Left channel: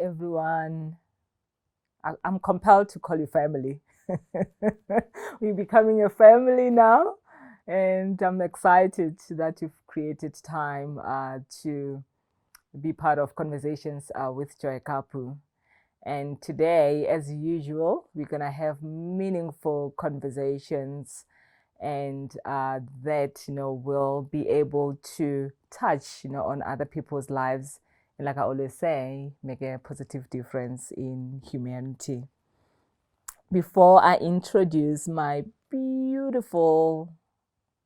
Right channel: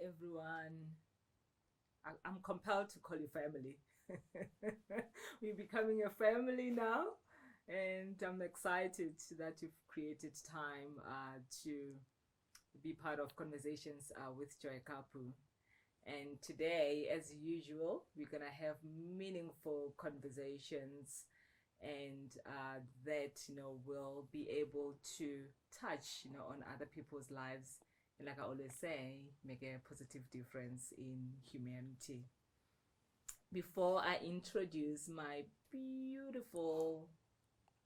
everyone. I'm compelled to call you family. We're becoming a family now, and I'm excited that you've created time to be part of conversations with Joy Kaapu. And today, as usual, we're going to have meaningful conversations and that, will be able to touch, on other people's lives. And like I always say, make a positive difference in humanity. Before I introduce my beautiful,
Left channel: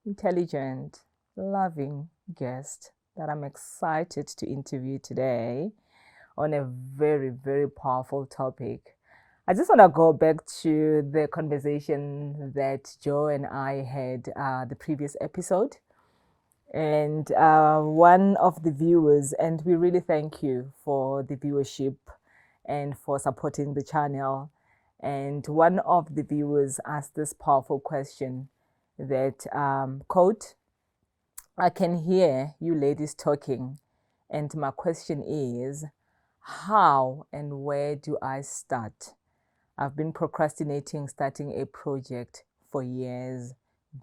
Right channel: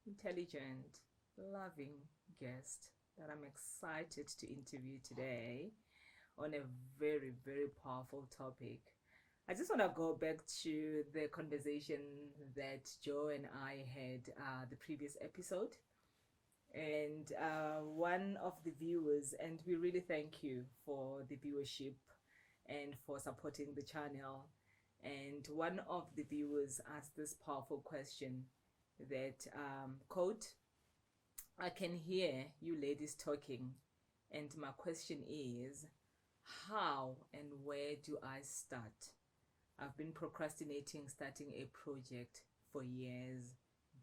intelligent, loving guest that I'm excited to interview today on a very, very powerful topic, I just want to go back to the conversation that Joe and I had the previous episode. And one of the viewers, and we really thank you for the viewership and for supporting the channel. And one of the viewers asked this powerful question that, quote, I can hear you ladies talking, and my question is, how and where do I start? I've been procrastinating starting a project for years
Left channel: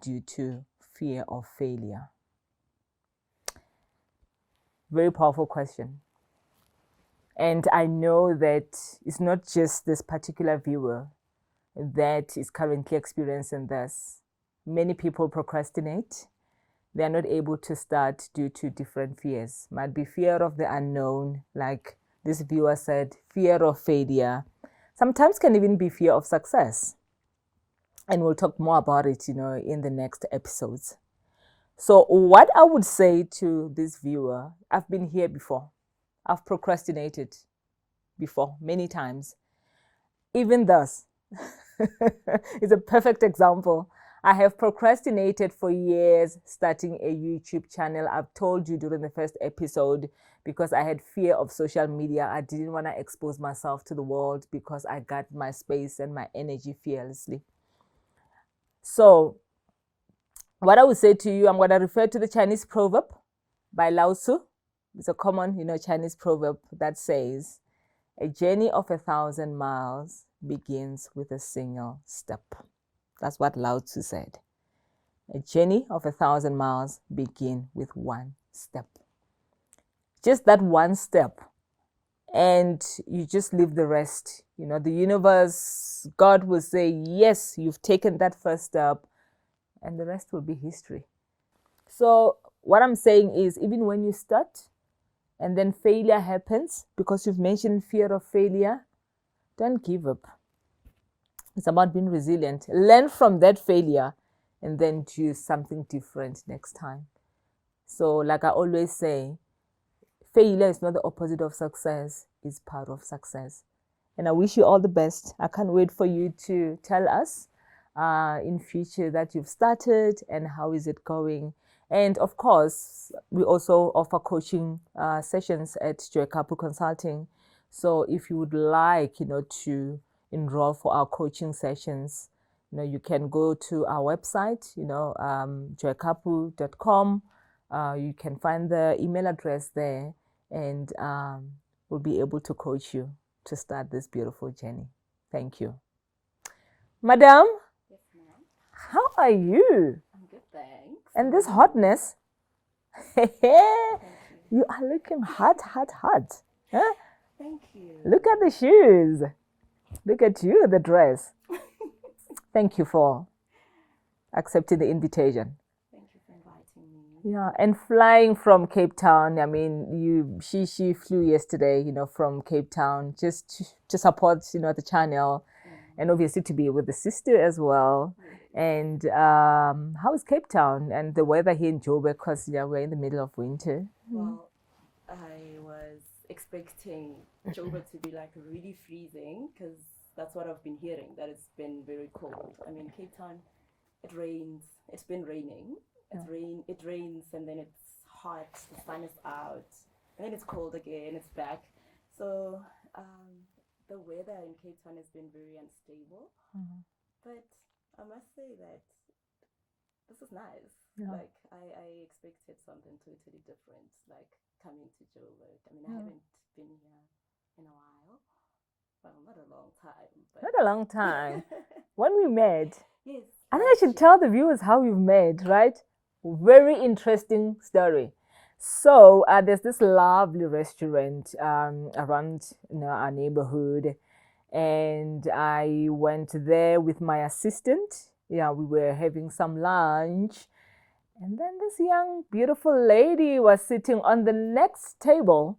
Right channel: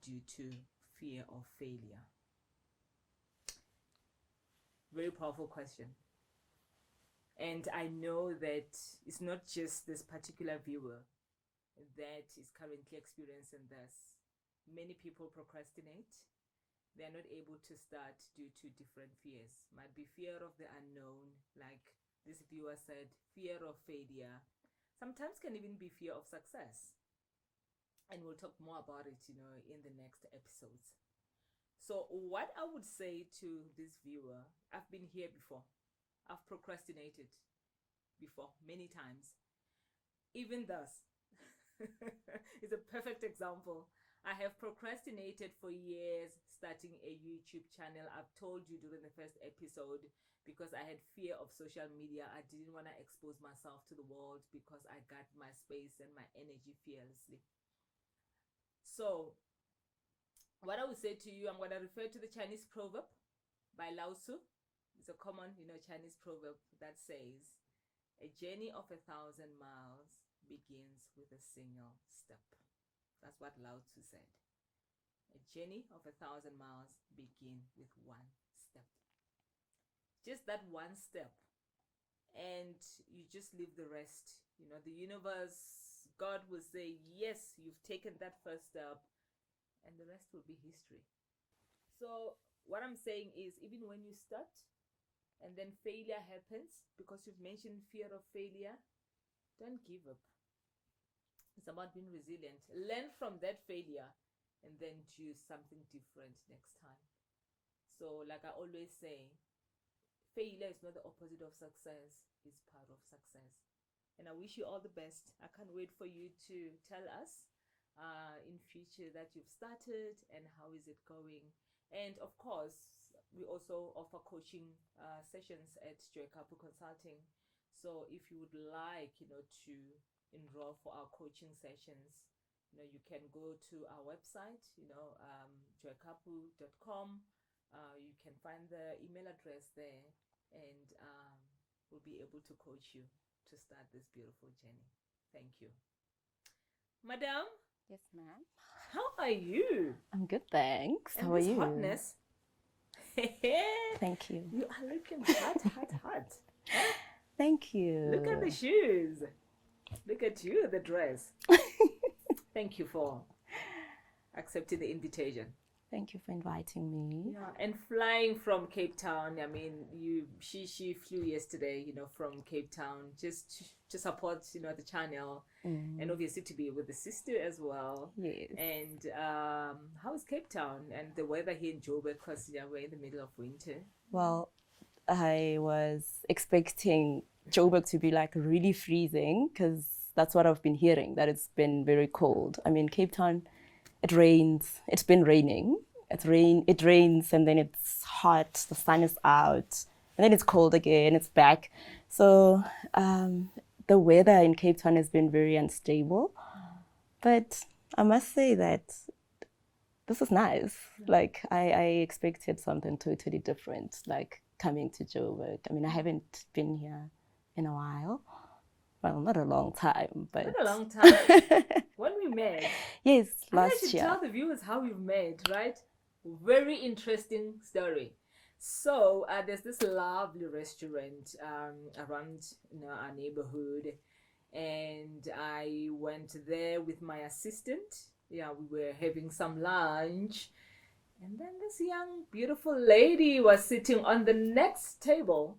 due to fear of failure. Very powerful question. And I know that it's not just this particular viewer that is currently experiencing this. Many people procrastinate. They are not able to start due to different fears. Might be fear of the unknown, like this viewer said, fear of failure. Sometimes can even be fear of success. And we'll talk more about it, in the next episodes. So what I would say to this viewer, I've been here before. I've procrastinated before many times. Even thus, it's a perfect example. I have procrastinated for years starting a YouTube channel. I've told you during the first episode because I had fear of social media. I didn't want to expose myself to the world because I got my space and my energy fearlessly. So what I would say to you, I'm going to refer to the Chinese proverb by Lao Tzu. It's a common, Chinese proverb that says, a journey of 1,000 miles begins with a single step. That's what Lao Tzu said. A journey of 1,000 miles begin with one step. Just that one step. And you just leave the rest. The universe, God will say, yes, you've taken that first step, and the rest will be history. So what I'm saying is, even when you start and then failure happens, because you've mentioned fear of failure, don't give up. It's about being resilient. Learn from that failure and then do something different next time. So like I always say, failure is not the opposite of success, it's part of success. And I wish you all the best. I can't wait for you to tell us in future that you've started and how is it going. And of course, we also offer coaching sessions at Joy Kaapu Consulting. So if you would like, to enroll for our coaching sessions, you can go to our website, joykaapu.com. You can find the email address there, and we'll be able to coach you to start this beautiful journey. Thank you. Madam? Yes, ma'am. How are you? I'm good, thanks. And How this are you? hotness. Thank you. You are looking hot. Huh? Thank you. Look at the shoes. Look at you, the dress. Thank you for accepting the invitation. Thank you for inviting me. Yeah, and flying from Cape Town. I mean, she flew yesterday, from Cape Town just to support, the channel, and obviously to be with the sister as well. Yes. And how is Cape Town and the weather here in Joburg? Because we're in the middle of winter. Well, I was expecting Joburg to be like really freezing because that's what I've been hearing, that it's been very cold. I mean, Cape Town, it rains. It's been raining. It rains and then it's hot. The sun is out and then it's cold again. It's back. So the weather in Cape Town has been very unstable. But I must say that this is nice. Yeah. Like I expected something totally different, like coming to Joburg. I mean, I haven't been here in a while. Well, not a long time, but Not a long time. When we met. Yes, And I last should year. tell the viewers how we've met, right? Very interesting story. So there's this lovely restaurant around our neighborhood, and I went there with my assistant. Yeah, we were having some lunch, and then this young, beautiful lady was sitting on the next table,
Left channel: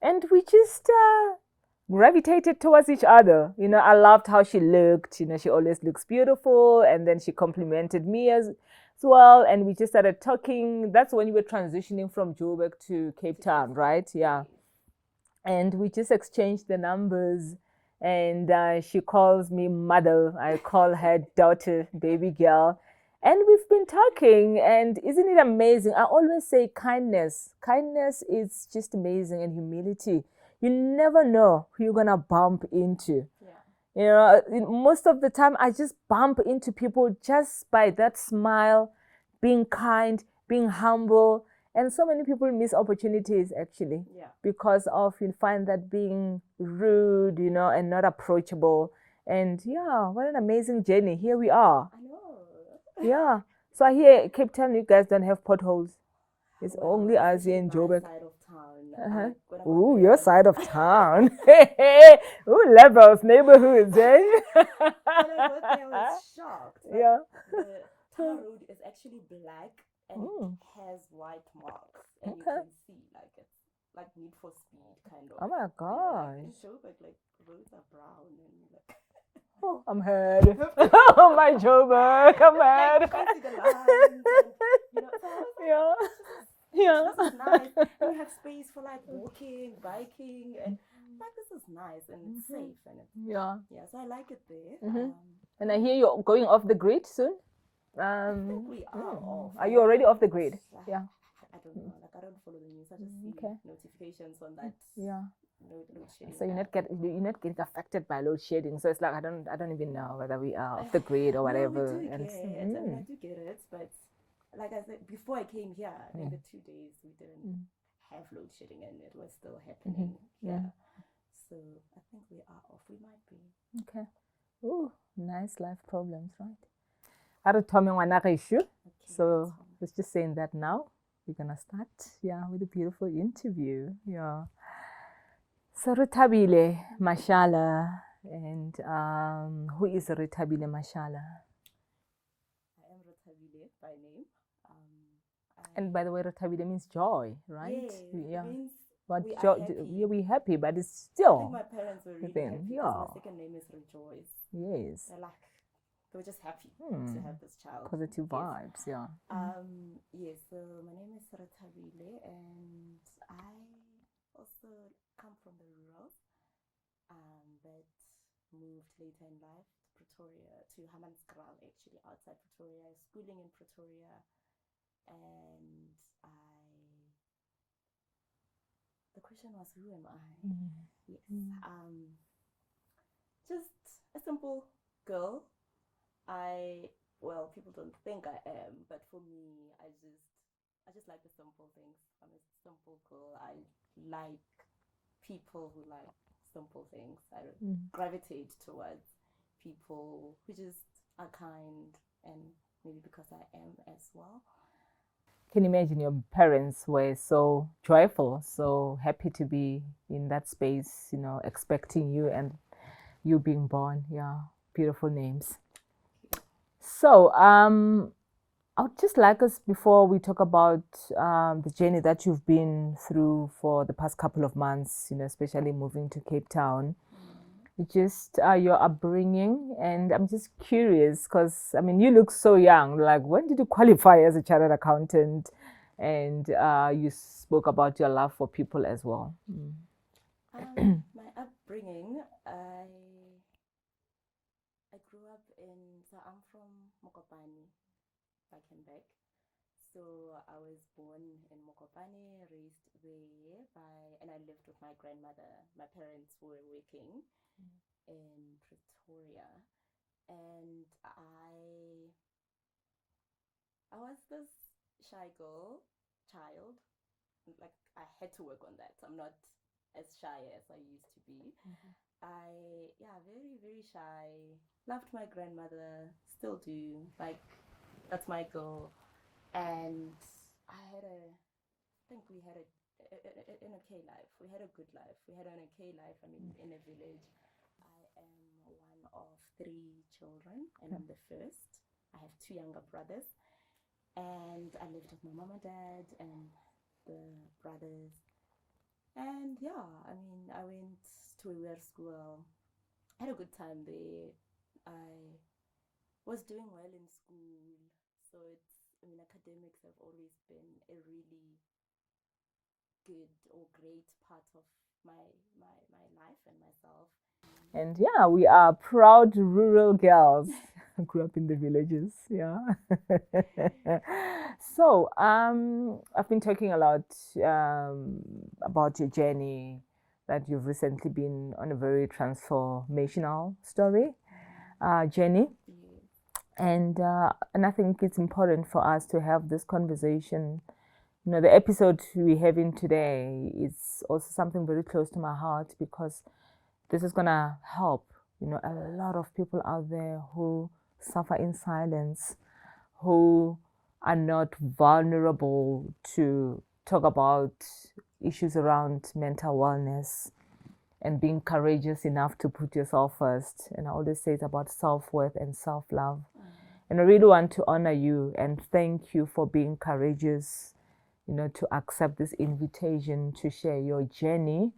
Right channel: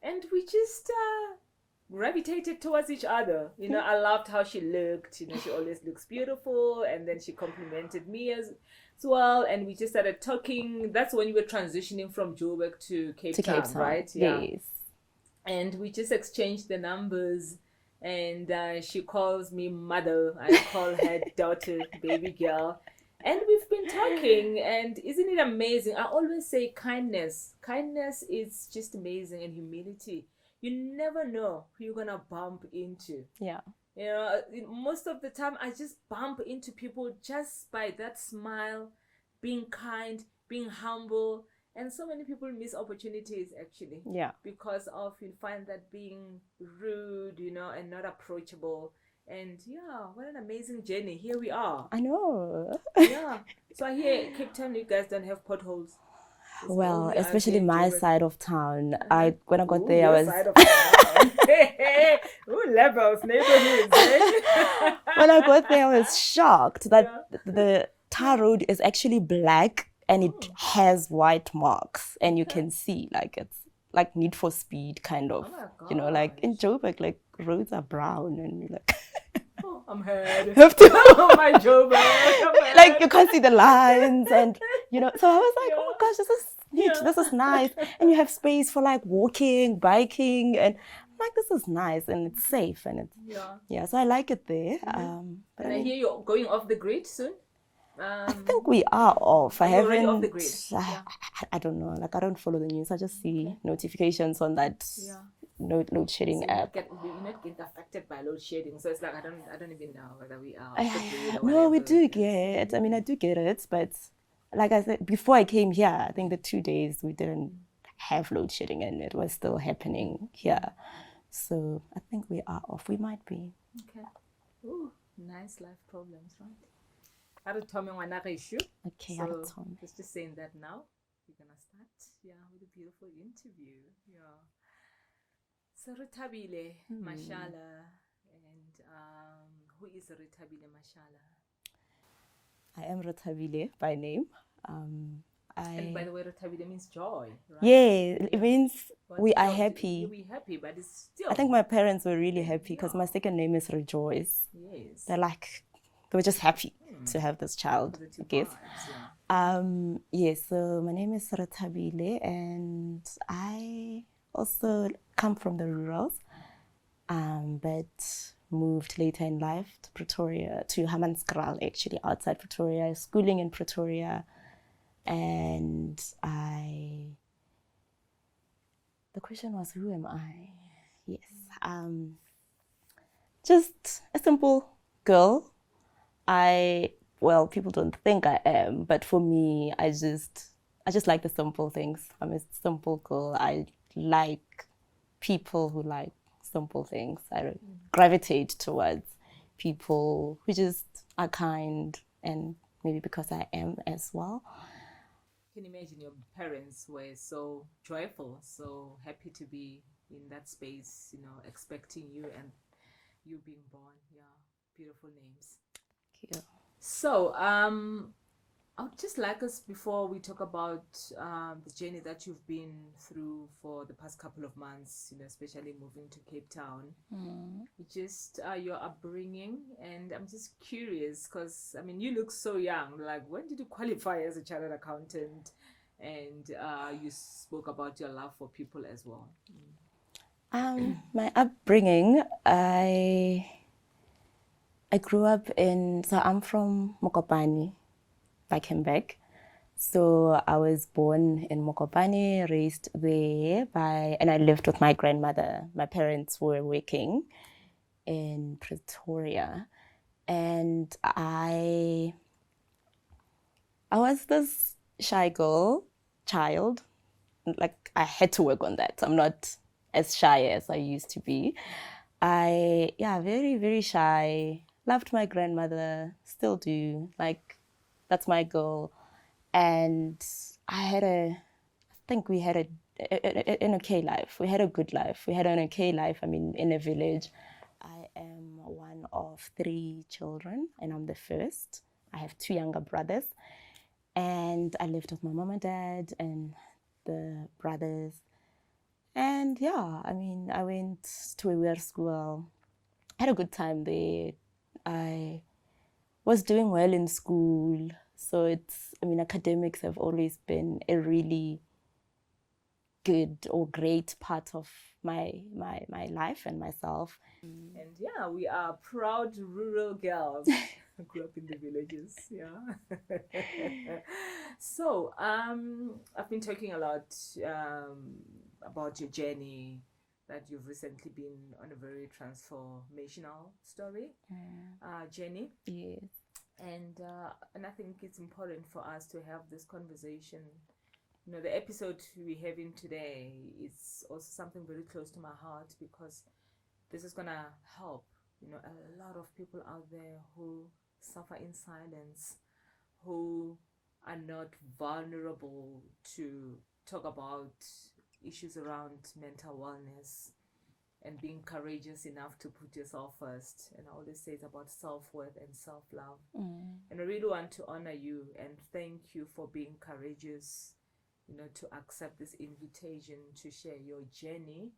and we just gravitated towards each other. I loved how she looked. She always looks beautiful, and then she complimented me as well, and we just started talking. That's when you were transitioning from Joburg to Cape Town, right? Yeah. Yes. And we just exchanged the numbers, and she calls me mother. I call her daughter, baby girl. And we've been talking, and isn't it amazing? I always say kindness is just amazing, and humility. You never know who you're gonna bump into. Yeah. Most of the time I just bump into people just by that smile, being kind, being humble. And so many people miss opportunities, actually. Yeah. Because of, you find that being rude, and not approachable. And yeah, what an amazing journey. Here we are. I know. Yeah. So I hear Cape Town, you guys don't have potholes. It's Well, especially my side of town. When I got there, your side of town. Ooh, levels, neighborhoods. Eh? When I got there, I was shocked that the tar road is actually black and it has white marks, and you can see it's like Need for Speed kind of. Oh my god! Like in Joburg, like roads are brown, and you're like. Oh, I'm hurt. Oh my Joburg. Like you can't see the lines, and so I was like, oh gosh, this is neat, this is nice, and you have space for like walking, biking, and I'm like, this is nice, and it's safe, and it's so I like it there. And I hear you're going off the grid soon. I think we are off. Are you already off the grid? I don't know. Like I don't follow the news. I just see notifications on that load shedding app. We're not getting affected by load shedding, so it's like I don't even know whether we are off the grid or whatever. No, we do get. I mean, I do get it, but like I said before I came here, I think the 2 days we didn't have load shedding, and it was still happening here. So I think we are off. We might be. Okay. Ooh, nice life problems, right? Okay, so let's just saying that now. We're gonna start, with a beautiful interview. Yeah. So Rethabile Mashala, and who is Rethabile Mashala? I am Rethabile by name. And by the way, Rethabile means joy, right? Yeah, it means we are happy. We're happy, but it's still. I think my parents were really happy because my second name is Rejoice. Yes. They were just happy to have this child. Positive vibes, yes, so my name is Rethabile, and I also come from the rurals, but moved later in life to Pretoria, to Hammanskraal, actually, outside Pretoria, schooling in Pretoria. And the question was, who am I? Yes. Just a simple girl. People don't think I am, but for me, I just like the simple things. I'm a simple girl. I like people who like simple things. I gravitate towards people who just are kind, and maybe because I am as well. Can you imagine your parents were so joyful, so happy to be in that space, expecting you and you being born. Yeah, beautiful names. So, I would just like us, before we talk about the journey that you've been through for the past couple of months, especially moving to Cape Town, just your upbringing. And I'm just curious because, you look so young. Like, when did you qualify as a chartered accountant? And you spoke about your love for people as well. My upbringing, I grew up so I'm from Mokopane, Back. So I was born in Mokopane, raised there and I lived with my grandmother. My parents were working in Pretoria, and I was this shy child. Like, I had to work on that. as shy as I used to be. Very, very shy. Loved my grandmother, still do. Like, that's my girl. And I think we had an okay life. We had a good life. We had an okay life. I mean, in a village. I am one of 3 children, and I'm the first. I have 2 younger brothers. And I lived with my mom and dad and the brothers. And yeah, I mean, I went to a weird school, had a good time there. I was doing well in school. So academics have always been a really good or great part of my life and myself. And yeah, we are proud rural girls. I grew up in the villages. Yeah. So, I've been talking a lot about your journey, that you've recently been on a very transformational journey. Yes. And I think it's important for us to have this conversation. You know, the episode we're having today is also something very close to my heart, because this is gonna help, you know, a lot of people out there who suffer in silence, who are not vulnerable to talk about issues around mental wellness and being courageous enough to put yourself first. And I always say it's about self-worth and self-love. And I really want to honor you and thank you for being courageous, you know, to accept this invitation to share your journey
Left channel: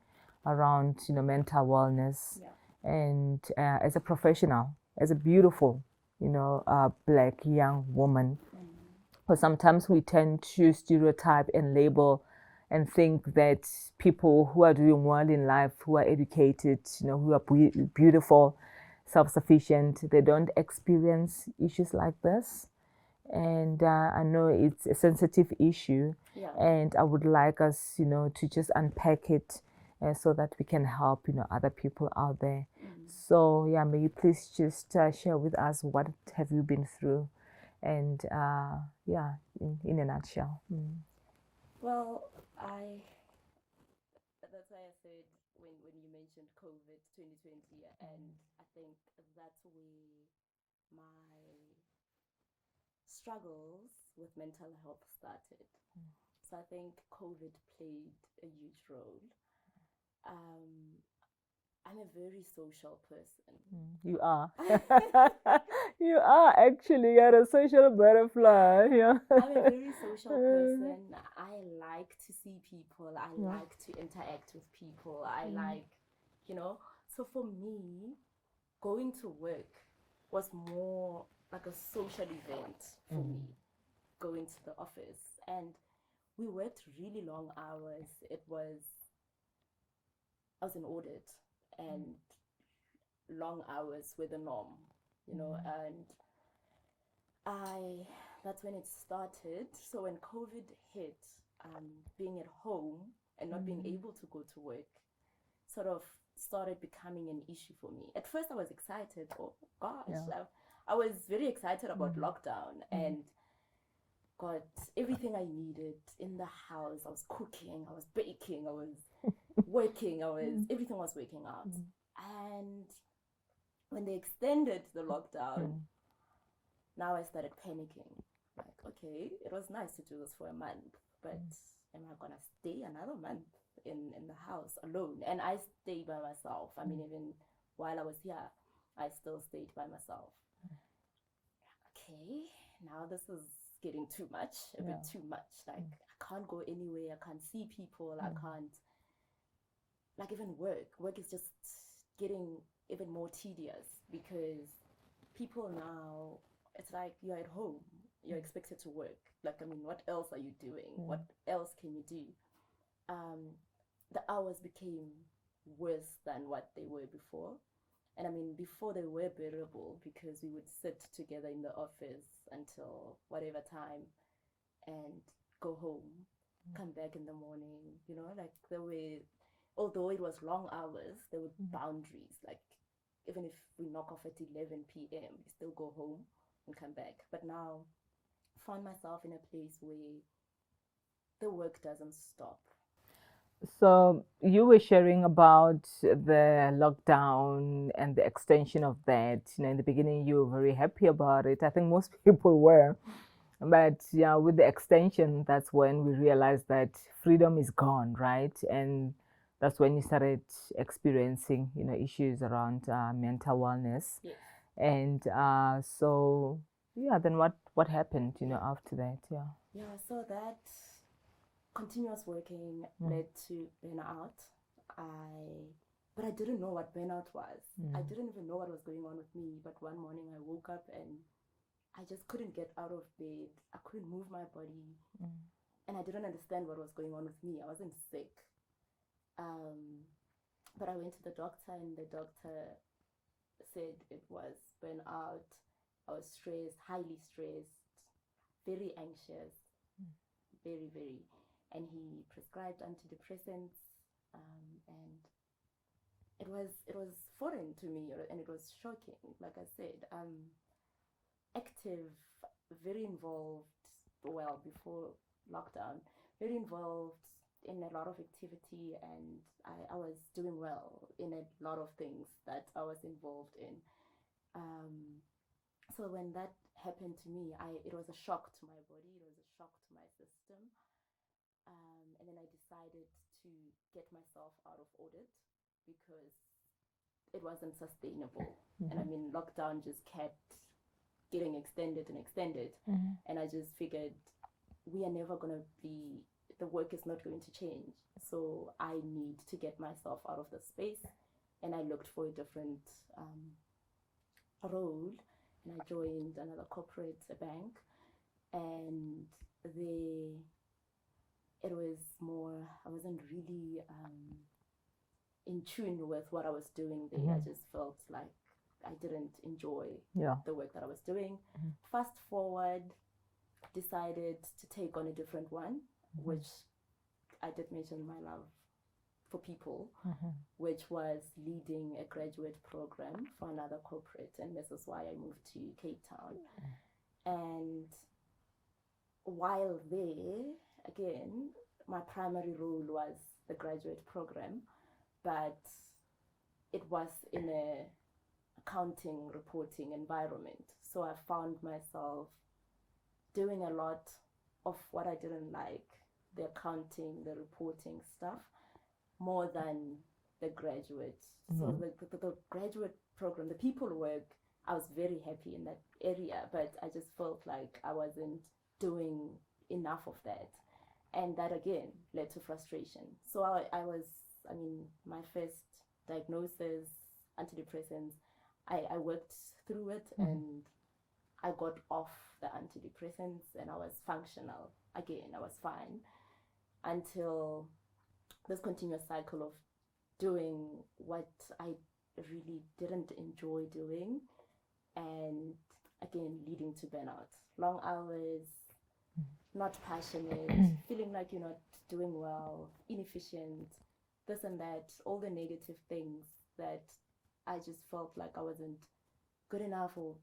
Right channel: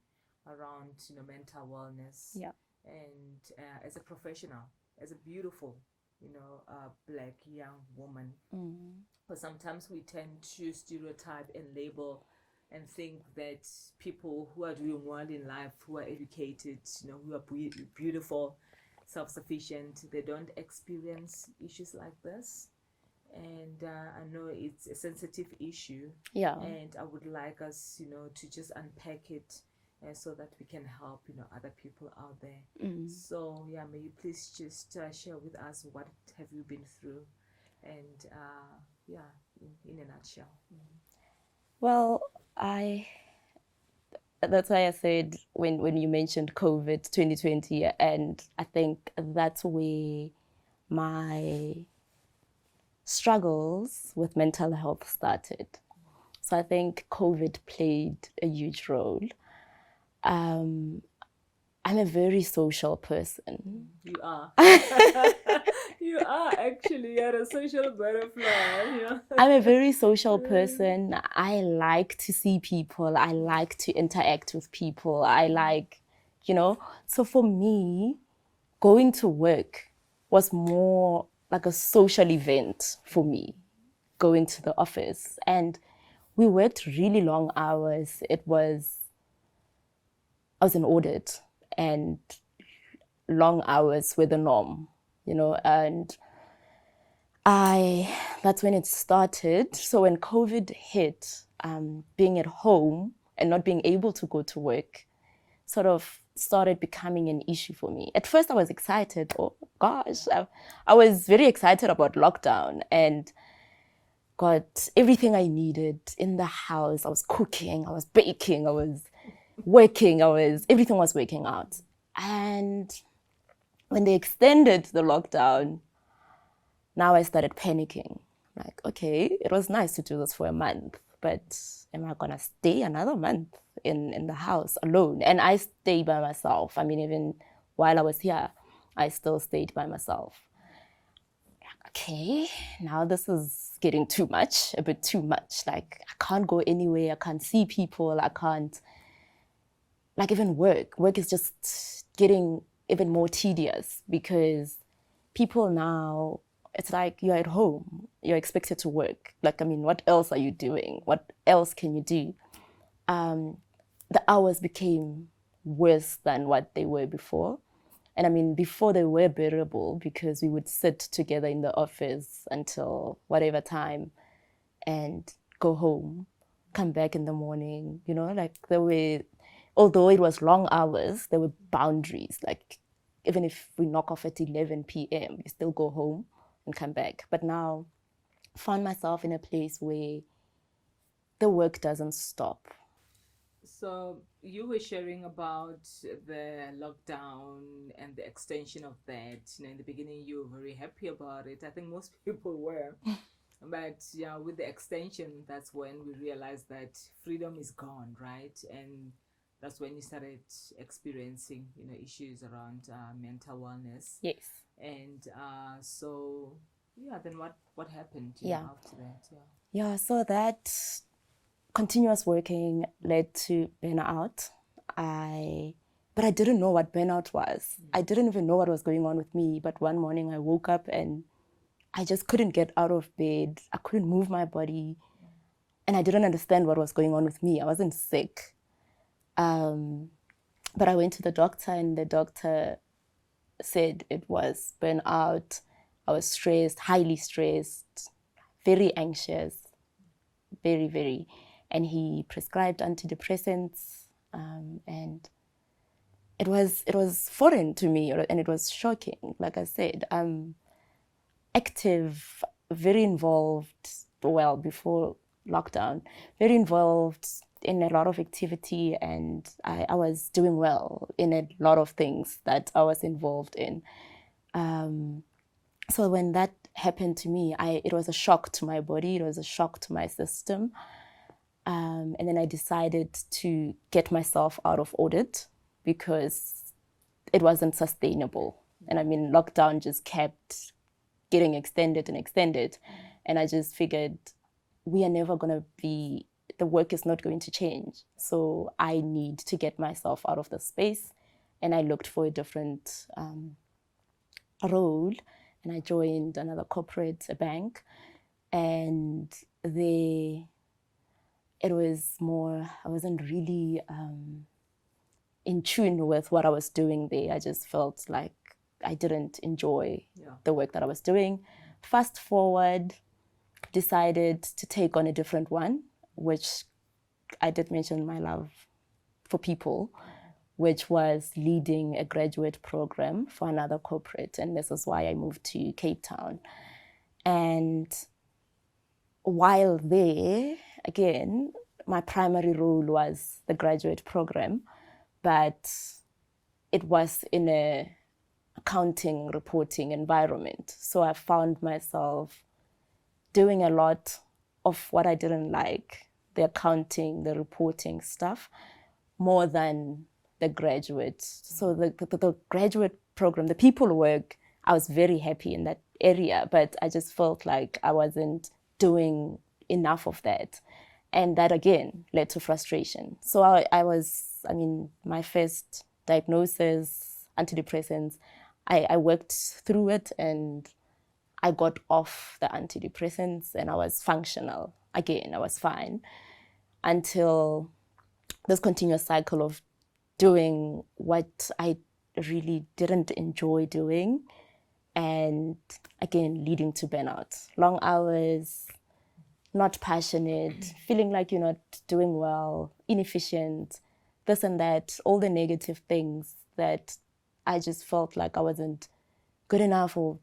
around, you know, mental wellness. Yeah. And as a professional, as a beautiful, you know, Black young woman. Because sometimes we tend to stereotype and label and think that people who are doing well in life, who are educated, you know, who are beautiful, self-sufficient, they don't experience issues like this. And I know it's a sensitive issue. Yeah. And I would like us, you know, to just unpack it so that we can help, you know, other people out there. So yeah, may you please just share with us, what have you been through? And in a nutshell. Well, that's why I said when you mentioned COVID 2020, and I think that's where my struggles with mental health started. So I think COVID played a huge role. I'm a very social person. You are. You are actually. You're a social butterfly. Yeah. I'm a very social person. I like to see people. I like to interact with people. I like, you know. So for me, going to work was more like a social event for me, going to the office. And we worked really long hours. I was in audit, and long hours were the norm, you know, and that's when it started. So when COVID hit, being at home and not being able to go to work sort of started becoming an issue for me. At first I was excited. Oh gosh, I was very excited about lockdown and got everything I needed in the house. I was cooking, I was baking, I was working, everything was working out. And when they extended the lockdown, now I started panicking. Like, okay, it was nice to do this for a month, but am I gonna stay another month in the house alone? And I stayed by myself. I mean, even while I was here, I still stayed by myself. Okay, now this is getting too much, a bit too much. Like, I can't go anywhere, I can't see people, I can't, like, even work. Work is just getting even more tedious because people now, it's like you're at home, you're expected to work. Like, I mean, what else are you doing? What else can you do? The hours became worse than what they were before. And I mean, before they were bearable because we would sit together in the office until whatever time and go home, come back in the morning, you know, like there were, although it was long hours, there were boundaries. Like, even if we knock off at 11 p.m., we still go home and come back. But now I found myself in a place where the work doesn't stop. So you were sharing about the lockdown and the extension of that. In the beginning, you were very happy about it. I think most people were. But yeah, with the extension, that's when we realized that freedom is gone, right? And that's when you started experiencing, issues around mental wellness. Yes. And so, yeah, then what happened, Yeah. after that? Yeah. Yeah, so that continuous working led to burnout. But I didn't know what burnout was. I didn't even know what was going on with me. But one morning I woke up and I just couldn't get out of bed. I couldn't move my body. And I didn't understand what was going on with me. I wasn't sick. But I went to the doctor, and the doctor said it was burnout. I was stressed, highly stressed, very anxious, very, very. And he prescribed antidepressants, and it was foreign to me, and it was shocking. Like I said, I'm active, very involved. Well, before lockdown, very involved in a lot of activity, and I was doing well in a lot of things that I was involved in. So when that happened to me, it was a shock to my body. It was a shock to my system. And then I decided to get myself out of audit because it wasn't sustainable. And I mean, lockdown just kept getting extended and extended. And I just figured we are never going to be, the work is not going to change. So I need to get myself out of the space. And I looked for a different role, and I joined another corporate, a bank. And it was more, I wasn't really in tune with what I was doing there. I just felt like I didn't enjoy the work that I was doing. Fast forward, decided to take on a different one, which I did mention my love for people, which was leading a graduate program for another corporate. And this is why I moved to Cape Town. And while there, again, my primary role was the graduate program, but it was in a accounting reporting environment. So I found myself doing a lot of what I didn't like, the accounting, the reporting stuff, more than the graduate. So the graduate program, the people work, I was very happy in that area, but I just felt like I wasn't doing enough of that. And that again led to frustration. So my first diagnosis, antidepressants, I worked through it and I got off the antidepressants and I was functional. Again, I was fine until this continuous cycle of doing what I really didn't enjoy doing, and again leading to burnout. Long hours, not passionate, feeling like you're not doing well, inefficient, this and that, all the negative things that I just felt like I wasn't good enough, or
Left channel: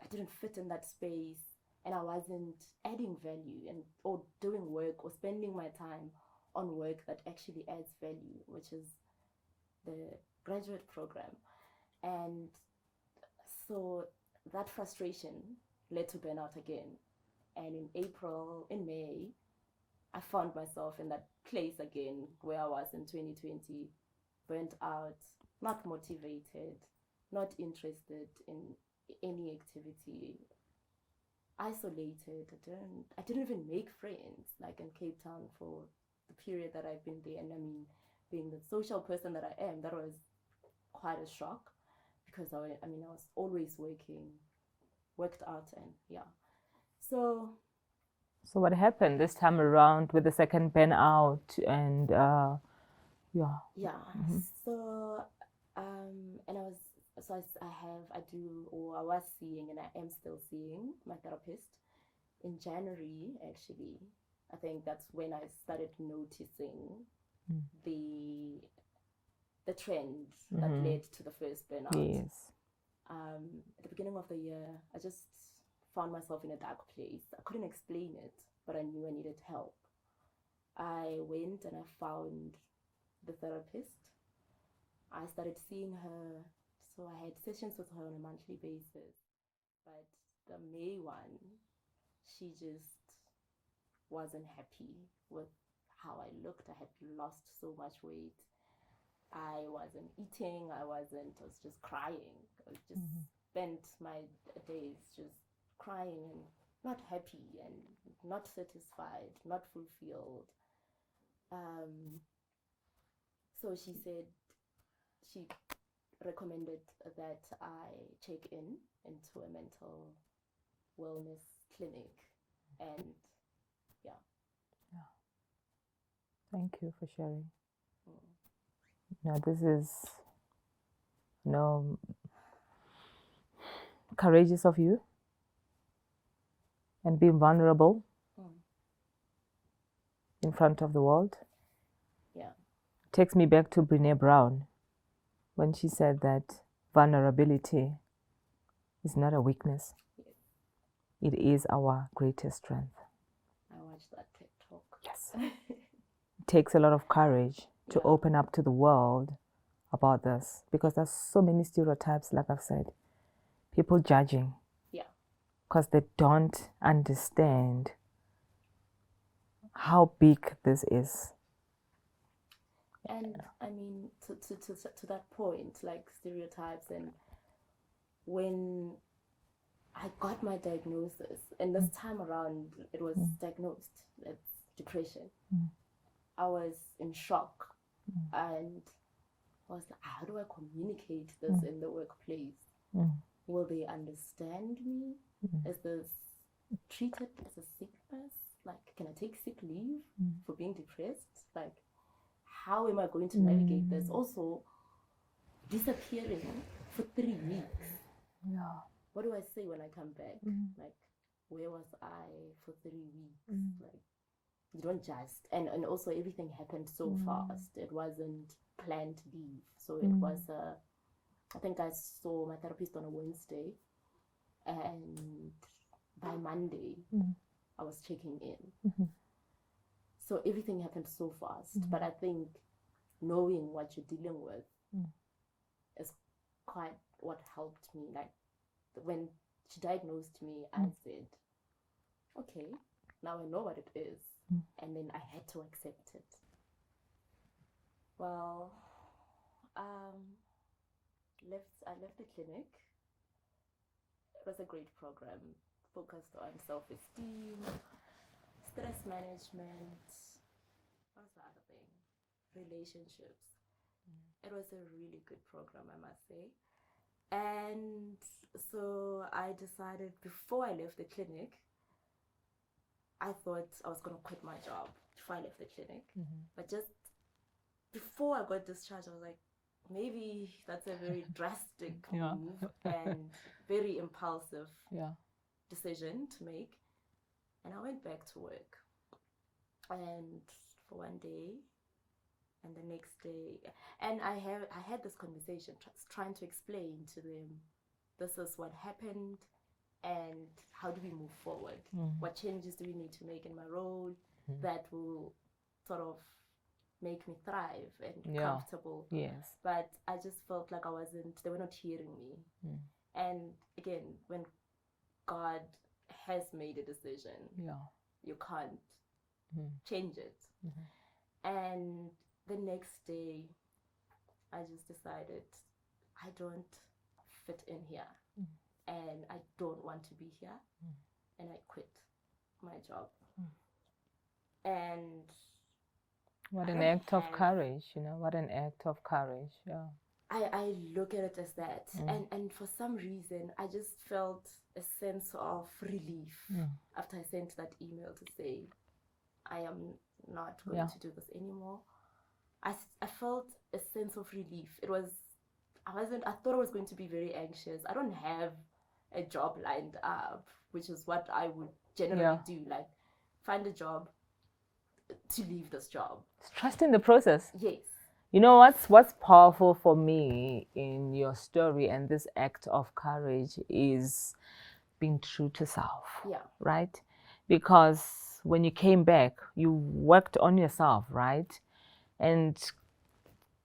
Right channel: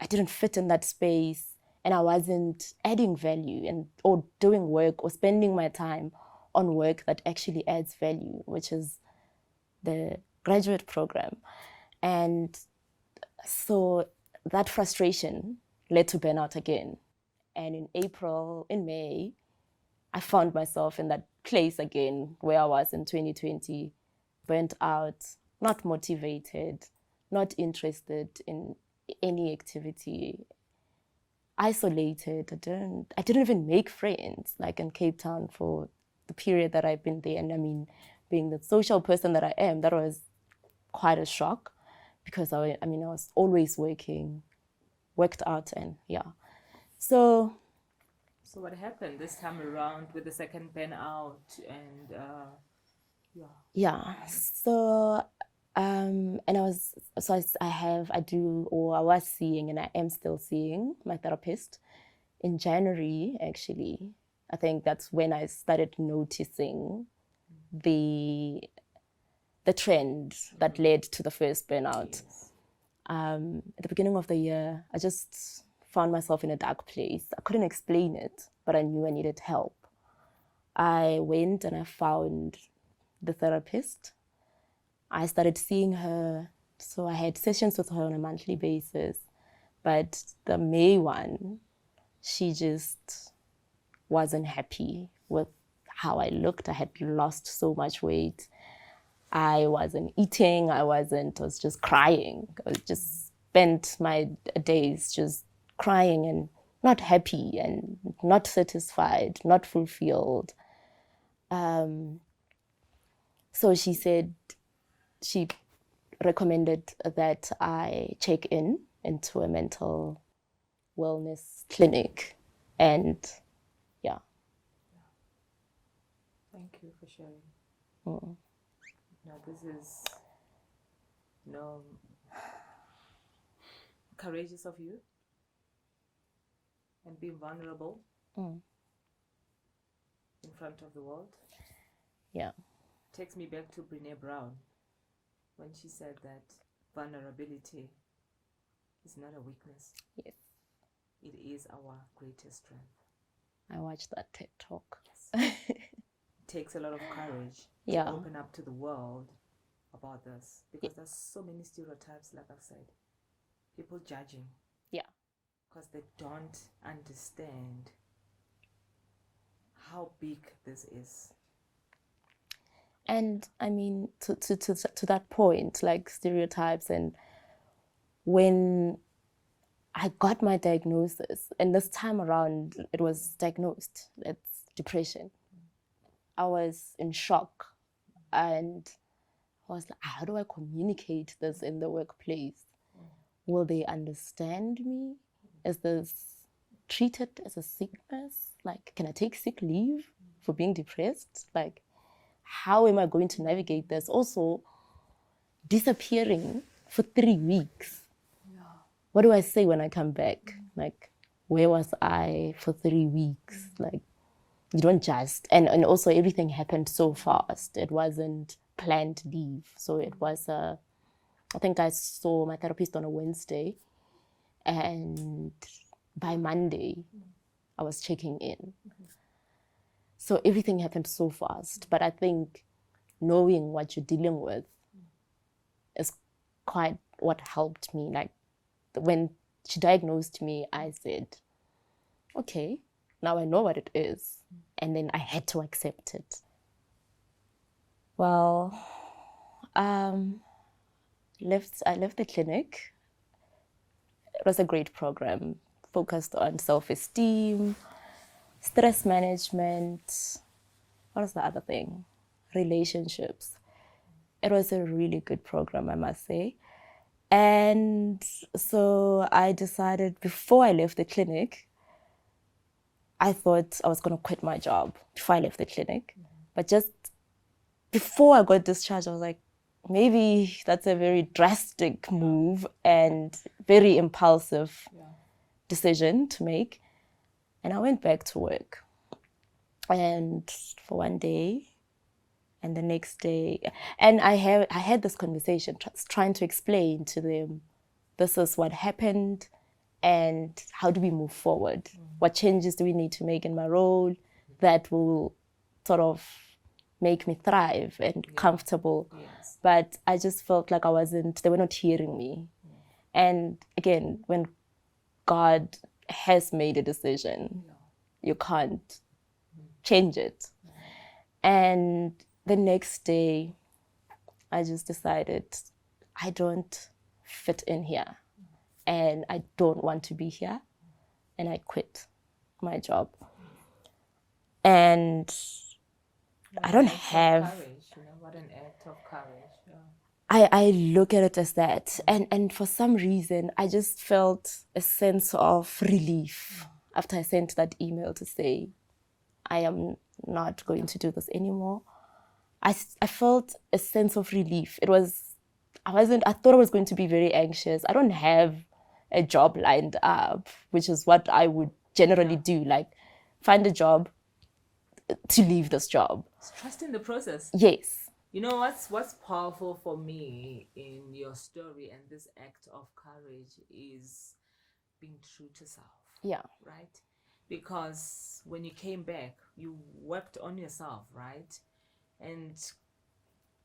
I didn't fit in that space, and I wasn't adding value or doing work or spending my time on work that actually adds value, which is the graduate program. And so that frustration led to burnout again. And in May, I found myself in that place again where I was in 2020, burnt out, not motivated, not interested in any activity, isolated. I didn't even make friends like in Cape Town for the period that I've been there. And I mean, being the social person that I am, that was quite a shock because I was always worked out, and yeah. So what happened this time around with the second burnout and so and I was seeing, and I am still seeing my therapist in January, actually. I think that's when I started noticing the trend that led to the first burnout. Yes. At the beginning of the year, I just found myself in a dark place. I couldn't explain it, but I knew I needed help. I went and I found the therapist. I started seeing her. So I had sessions with her on a monthly basis. But the May one, she just wasn't happy with how I looked. I had lost so much weight. I wasn't eating. I was just crying. I just spent my days just crying and not happy and not satisfied, not fulfilled. So she said, she recommended that I check into a mental wellness clinic. And yeah. Thank you for sharing. Mm. Now, this is courageous of you, and being vulnerable in front of the world. Yeah. Takes me back to Brené Brown when she said that vulnerability is not a weakness. Yes. It is our greatest strength. I watched that TED Talk. Yes. It takes a lot of courage to open up to the world about this, because there's so many stereotypes, like I've said. People judging. Yeah. Because they don't understand how big this is. And I mean, to that point, like stereotypes, and when I got my diagnosis, and this time around it was diagnosed, it's depression. I was in shock, and I was like, how do I communicate this in the workplace? Will they understand me? Is this treated as a sickness? Like, can I take sick leave for being depressed? Like, how am I going to navigate this? Also, disappearing for 3 weeks. Yeah. What do I say when I come back? Like, where was I for 3 weeks? Like, you don't just, and also everything happened so fast. It wasn't planned leave. So it was I think I saw my therapist on a Wednesday, and by Monday I was checking in. So everything happened so fast. But I think knowing what you're dealing with is quite what helped me. Like, when she diagnosed me, I said, okay, now I know what it is. And then I had to accept it. Well, I left the clinic. It was a great program, focused on self-esteem, stress management. What was the other thing? Relationships. It was a really good program, I must say. And so I decided, before I left the clinic, I thought I was going to quit my job before I left the clinic. But just before I got discharged, I was like, maybe that's a very drastic move and very impulsive decision to make. And I went back to work. And for one day, and the next day, and I had this conversation, trying to explain to them, this is what happened, and how do we move forward? What changes do we need to make in my role that will sort of make me thrive and comfortable? Yes. But I just felt like they were not hearing me. And again, when God has made a decision, you can't change it. And the next day, I just decided, I don't fit in here, and I don't want to be here, and I quit my job. And I don't have courage. What an act of courage. I look at it as that, and for some reason I just felt a sense of relief after I sent that email to say, I am not going to do this anymore. I felt a sense of relief. I thought I was going to be very anxious. I don't have a job lined up, which is what I would generally do, like find a job to leave this job. Trust in the process. Yes. You know what's powerful for me in your story and this act of courage is being true to self. Yeah. Right? Because when you came back, you worked on yourself, right? And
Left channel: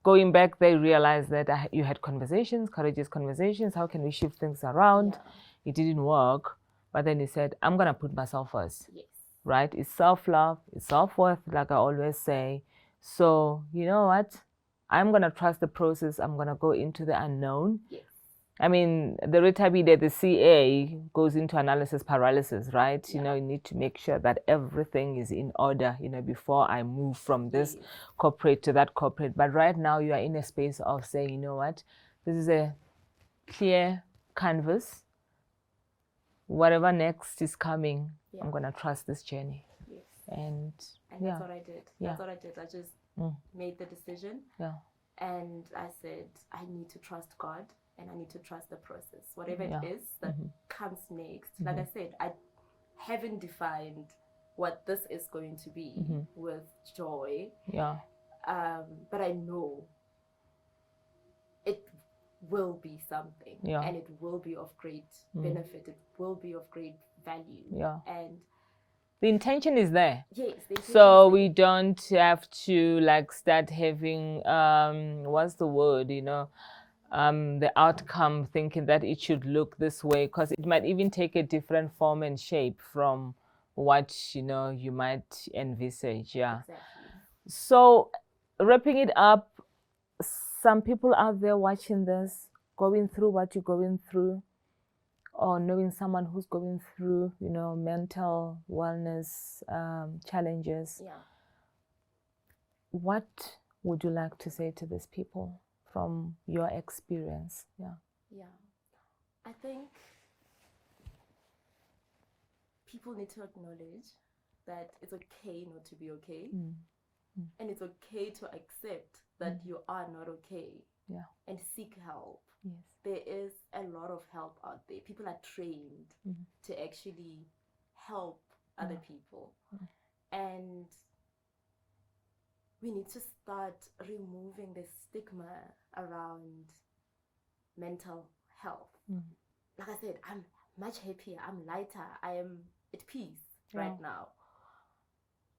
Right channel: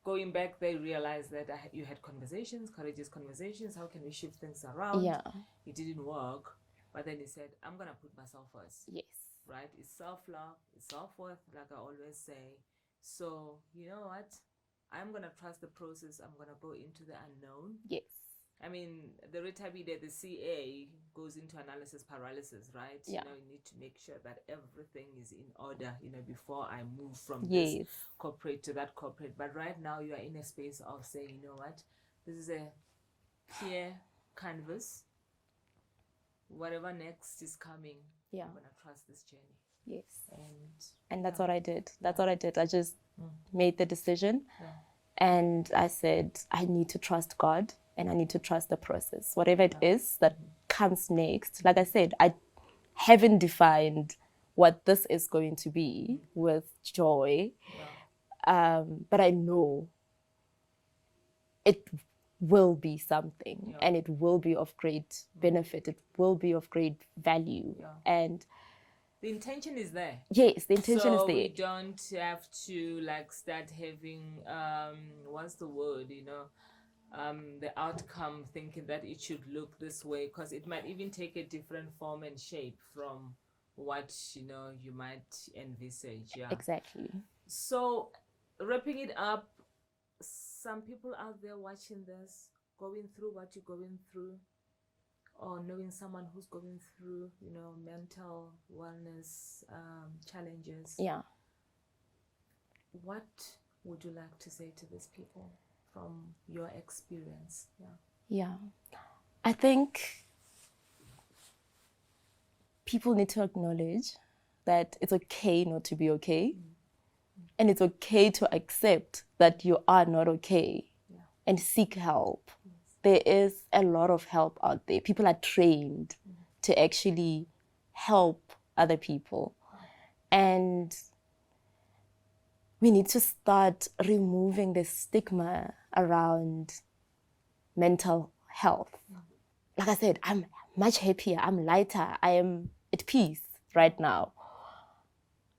going back, they realized that you had conversations, courageous conversations. How can we shift things around? Yeah. It didn't work. But then he said, I'm going to put myself first. Yes. Right? It's self-love, it's self-worth, like I always say. So, you know what? I'm going to trust the process. I'm going to go into the unknown. Yes. I mean, the Rethabile, the CA goes into analysis paralysis, right? Yeah. You know, you need to make sure that everything is in order, you know, before I move from this corporate to that corporate. But right now you are in a space of saying, you know what, this is a clear canvas. Whatever next is coming, I'm going to trust this journey. Yes. And that's what I did. That's what I did. I just made the decision. Yeah. And I said, I need to trust God and I need to trust the process. Whatever it is that comes next. Like I said, I haven't defined what this is going to be with Joy. Yeah. But I know it will be something and it will be of great benefit. It will be of great value. Yeah. And the intention is there. Yes, the intention is there. So we don't have to like start having, what's the word, you know, the outcome thinking that it should look this way, because it might even take a different form and shape from what, you know, you might envisage. Yeah. Exactly. So wrapping it up, some people out there watching this, going through what you're going through, or knowing someone who's going through, you know, mental wellness challenges. Yeah. What would you like to say to these people from your experience? Yeah. Yeah. I think people need to acknowledge that it's okay not to be okay. And it's okay to accept that you are not okay and seek help. Yes. There is a lot of help out there. People are trained to actually help other people. And we need to start removing the stigma around mental health. Like I said, I'm much happier, I'm lighter, I am at peace right now.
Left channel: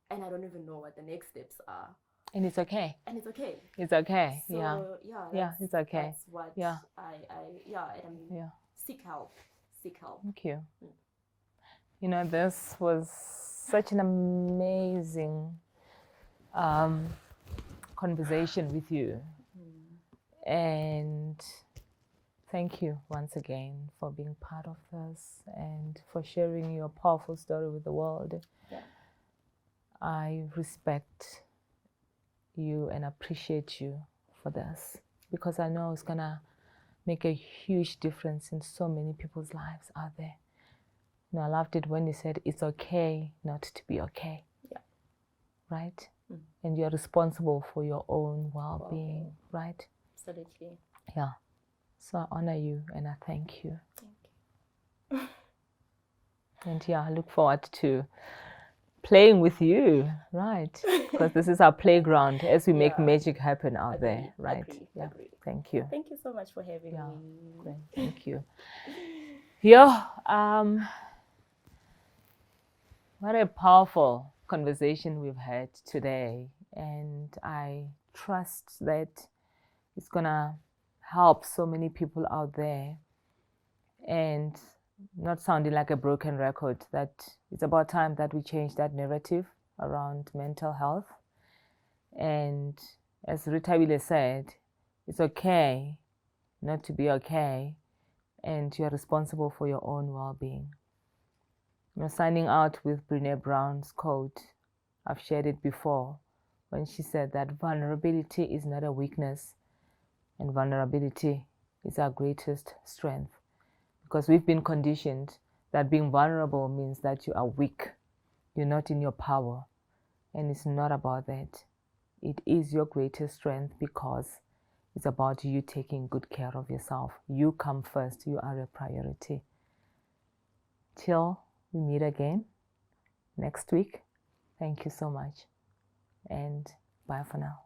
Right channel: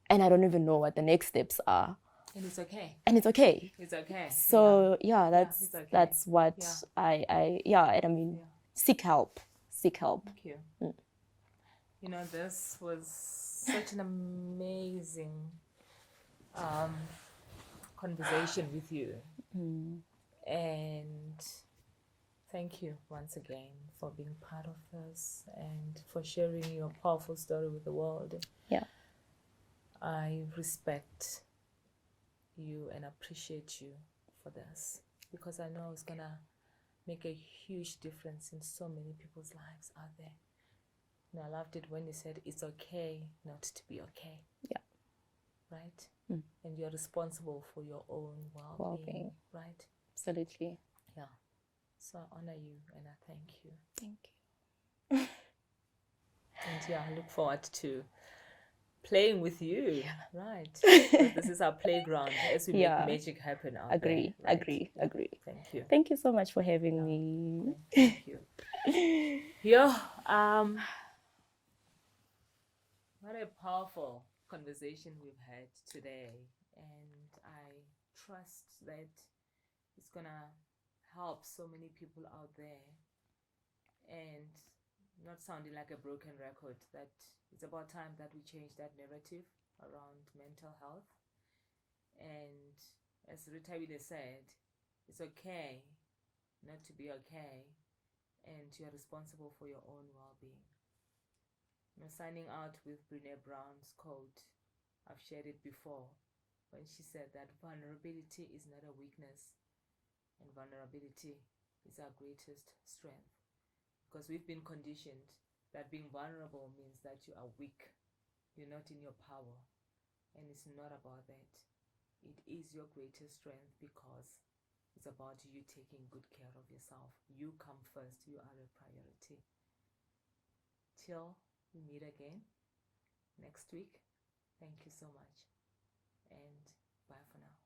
And I don't even know what the next steps are. And it's okay. And it's okay. It's okay. So that's it's okay. That's what and I mean, seek help. Seek help. Thank you. You know, this was such an amazing conversation with you. And thank you once again for being part of this and for sharing your powerful story with the world. Yeah. I respect you and appreciate you for this, because I know it's gonna make a huge difference in so many people's lives out there. You know, I loved it when you said it's okay not to be okay. Yeah. Right? And you're responsible for your own well-being, right? Absolutely. Yeah. So I honor you and I thank you. Thank you. And I look forward to playing with you, right? Because this is our playground as we make magic happen out there. Right? Agree. Thank you. Thank you so much for having me. Thank you. Yeah. What a powerful conversation we've had today, and I trust that it's gonna help so many people out there, and not sounding like a broken record, that it's about time that we change that narrative around mental health. And as Rethabile said, it's okay not to be okay, and you're responsible for your own well-being. You know, signing out with Brené Brown's quote, I've shared it before, when she said that vulnerability is not a weakness, and vulnerability is our greatest strength. Because we've been conditioned that being vulnerable means that you are weak, you're not in your power, and it's not about that. It is your greatest strength, because it's about you taking good care of yourself. You come first, you are a priority. Till we meet again next week, thank you so much, and bye for now.